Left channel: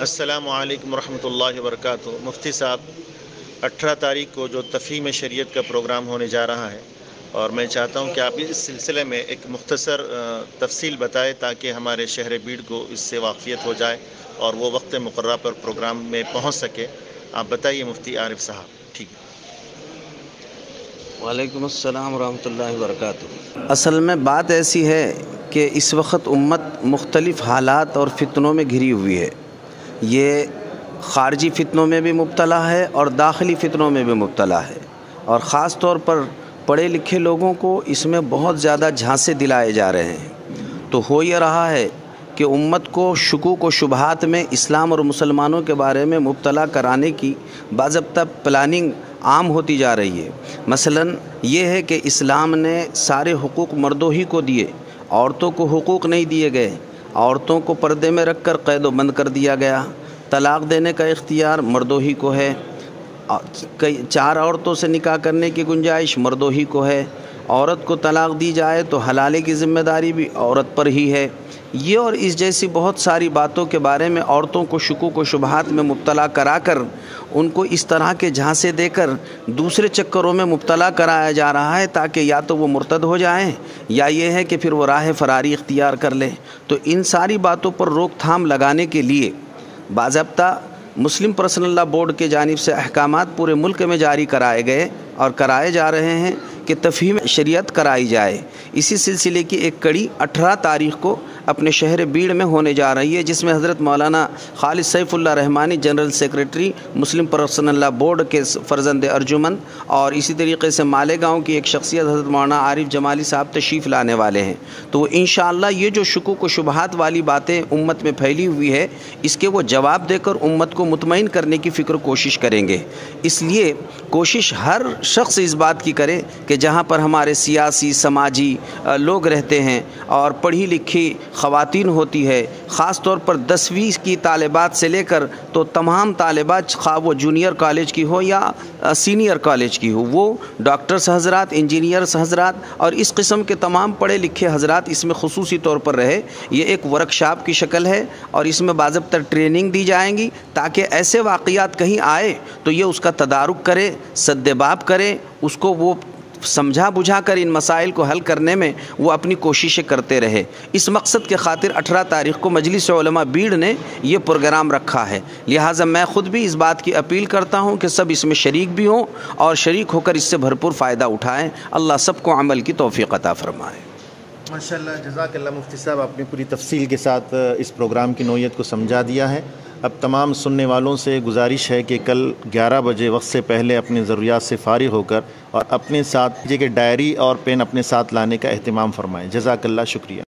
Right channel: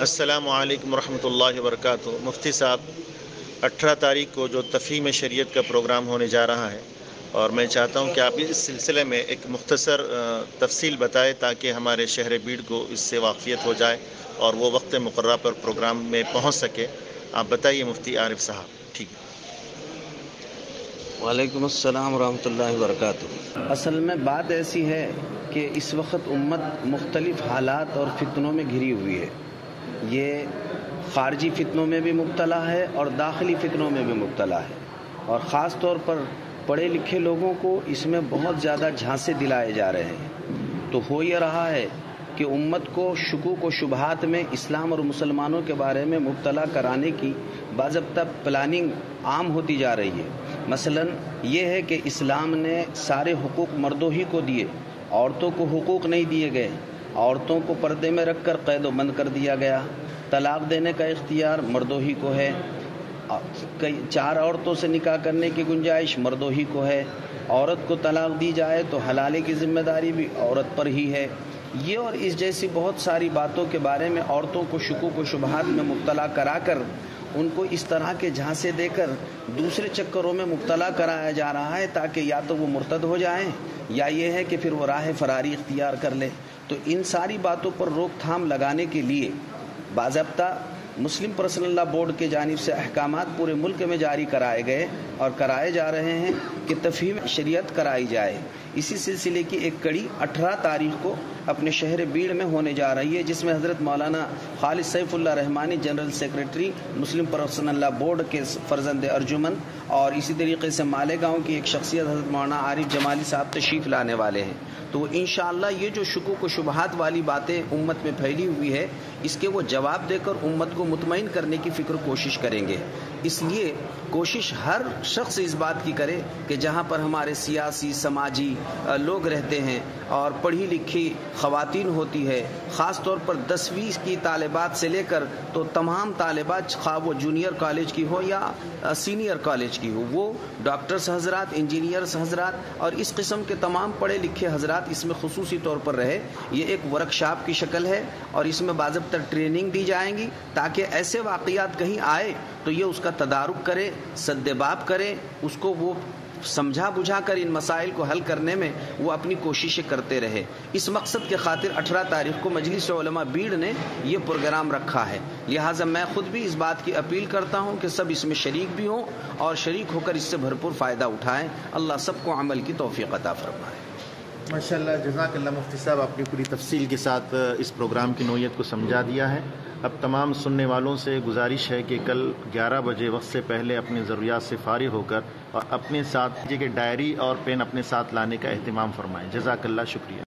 السلام علیکم ورحمۃ اللہ وبرکاتہ۔ مفتی صاحب، 18 تاریخ کو جو تفہیم شریعت کا پروگرام ہونے جا رہا ہے، اور میں چاہتا ہوں کہ آپ اس سلسلے میں ایک مختصر تفصیل بتائیں تاکہ ہمارے شہر بیڑ کو اس سے واقفیت ہو جائے اور وہ وقت مقررہ پر پروگرام میں پہنچ سکے۔ آپ بتائیے مفتی عارف صاحب۔ ٹھیک ہے۔ وعلیکم السلام ورحمۃ اللہ وبرکاتہ۔ اصل میں بات ایسی ہے کہ اس وقت امت مختلف حالات اور فتنوں میں گھری ہوئی ہے۔ یہ خارجی فتنوں میں بھی مبتلا ہے اور داخلی فتنوں میں بھی مبتلا ہے، اور خاص طور پر پڑھے لکھے لوگوں کو اس میں بہت زیادہ جھانسے دلائے جا رہے ہیں۔ تو ہو یہ رہا ہے کہ امت کو شکوک و شبہات میں اسلام اور مسلمانوں کے بارے میں مبتلا کرانے کی باضابطہ پلاننگ عام ہوتی جا رہی ہے۔ مثلاً یہ ہے کہ اسلام نے سارے حقوق مردوں ہی کو دیے، عورتوں کو حقوق نہیں دیے گئے۔ عورتوں کو پردے میں رکھ کر قید و بند کر دیا گیا۔ طلاق دینے کا اختیار مردوں ہی کو ہے۔ 4 عورتوں سے نکاح کرنے کی گنجائش مردوں ہی کو ہے۔ عورت کو طلاق دی جائے تو حلالے کی ذمہ داری بھی عورت پر ہی ہے۔ یہ اور اس جیسی بہت ساری باتوں کے بارے میں عورتوں کو شکوک و شبہات میں مبتلا کرا کر ان کو اس طرح کے جھانسے دے کر دوسرے چکروں میں مبتلا کرایا جا رہا ہے، تاکہ یا تو وہ مرتد ہو جائیں یا یہ ہے کہ پھر وہ راہ فراری اختیار کر لیں۔ تو ان ساری باتوں پر روک تھام لگانے کے لیے باضابطہ مسلم پرسنل لا بورڈ کے جانب سے احکامات پورے ملک میں جاری کرائے گئے اور کرائے جا رہے ہیں کہ تفہیم شریعت کرائی جائے۔ اسی سلسلے کی ایک کڑی 18 تاریخ کو اپنے شہر بیڑ میں ہونے جا رہی ہے، جس میں حضرت مولانا خالد سیف اللہ رحمانی جنرل سیکریٹری مسلم پرسنل لا بورڈ کے فرزند ارجمن، اور اسی طریقے سے مالیگاؤں کی ایک شخصیت حضرت مولانا عارف جمالی صاحب تشریف لانے والے ہیں۔ تو انشاءاللہ یہ جو شکوک و شبہات والی باتیں امت میں پھیلی ہوئی ہے، اس کے وہ جواب دے کر امت کو مطمئن کرنے کی کوشش کریں گے۔ اس لیے کوشش ہر شخص اس بات کی کرے کہ جہاں پر ہمارے سیاسی سماجی لوگ رہتے ہیں اور پڑھی لکھی خواتین ہوتی ہے، خاص طور پر 10ویں کی طالبات سے لے کر تو تمام طالبات، خواہ وہ جونیئر کالج کی ہو یا سینئر کالج کی ہو، وہ ڈاکٹرز حضرات، انجینئرز حضرات اور اس قسم کے تمام پڑھے لکھے حضرات اس میں خصوصی طور پر رہے۔ یہ ایک ورکشاپ کی شکل ہے اور اس میں باضابطہ ٹریننگ دی جائیں گی، تاکہ ایسے واقعات کہیں آئے تو یہ اس کا تدارک کرے، سدباب کرے، اس کو وہ سمجھا بجھا کر ان مسائل کو حل کرنے میں وہ اپنی کوششیں کرتے رہے۔ اس مقصد کے خاطر 18 تاریخ کو مجلس علماء بیڑ نے یہ پروگرام رکھا ہے۔ لہٰذا میں خود بھی اس بات کی اپیل کرتا ہوں کہ سب اس میں شریک بھی ہوں اور شریک ہو کر اس سے بھرپور فائدہ اٹھائیں۔ اللہ سب کو عمل کی توفیق عطا فرمائے۔ ماشاءاللہ، جزاک اللہ مفتی صاحب، آپ نے پوری تفصیل کے ساتھ اس پروگرام کی نوعیت کو سمجھا دیا ہے۔ اب تمام سننے والوں سے گزارش ہے کہ کل 11 بجے وقت سے پہلے اپنی ضروریات سے فارغ ہو کر اور اپنے ساتھ ڈائری اور پین اپنے ساتھ لانے کا اہتمام فرمائیں۔ جزاک اللہ، شکریہ۔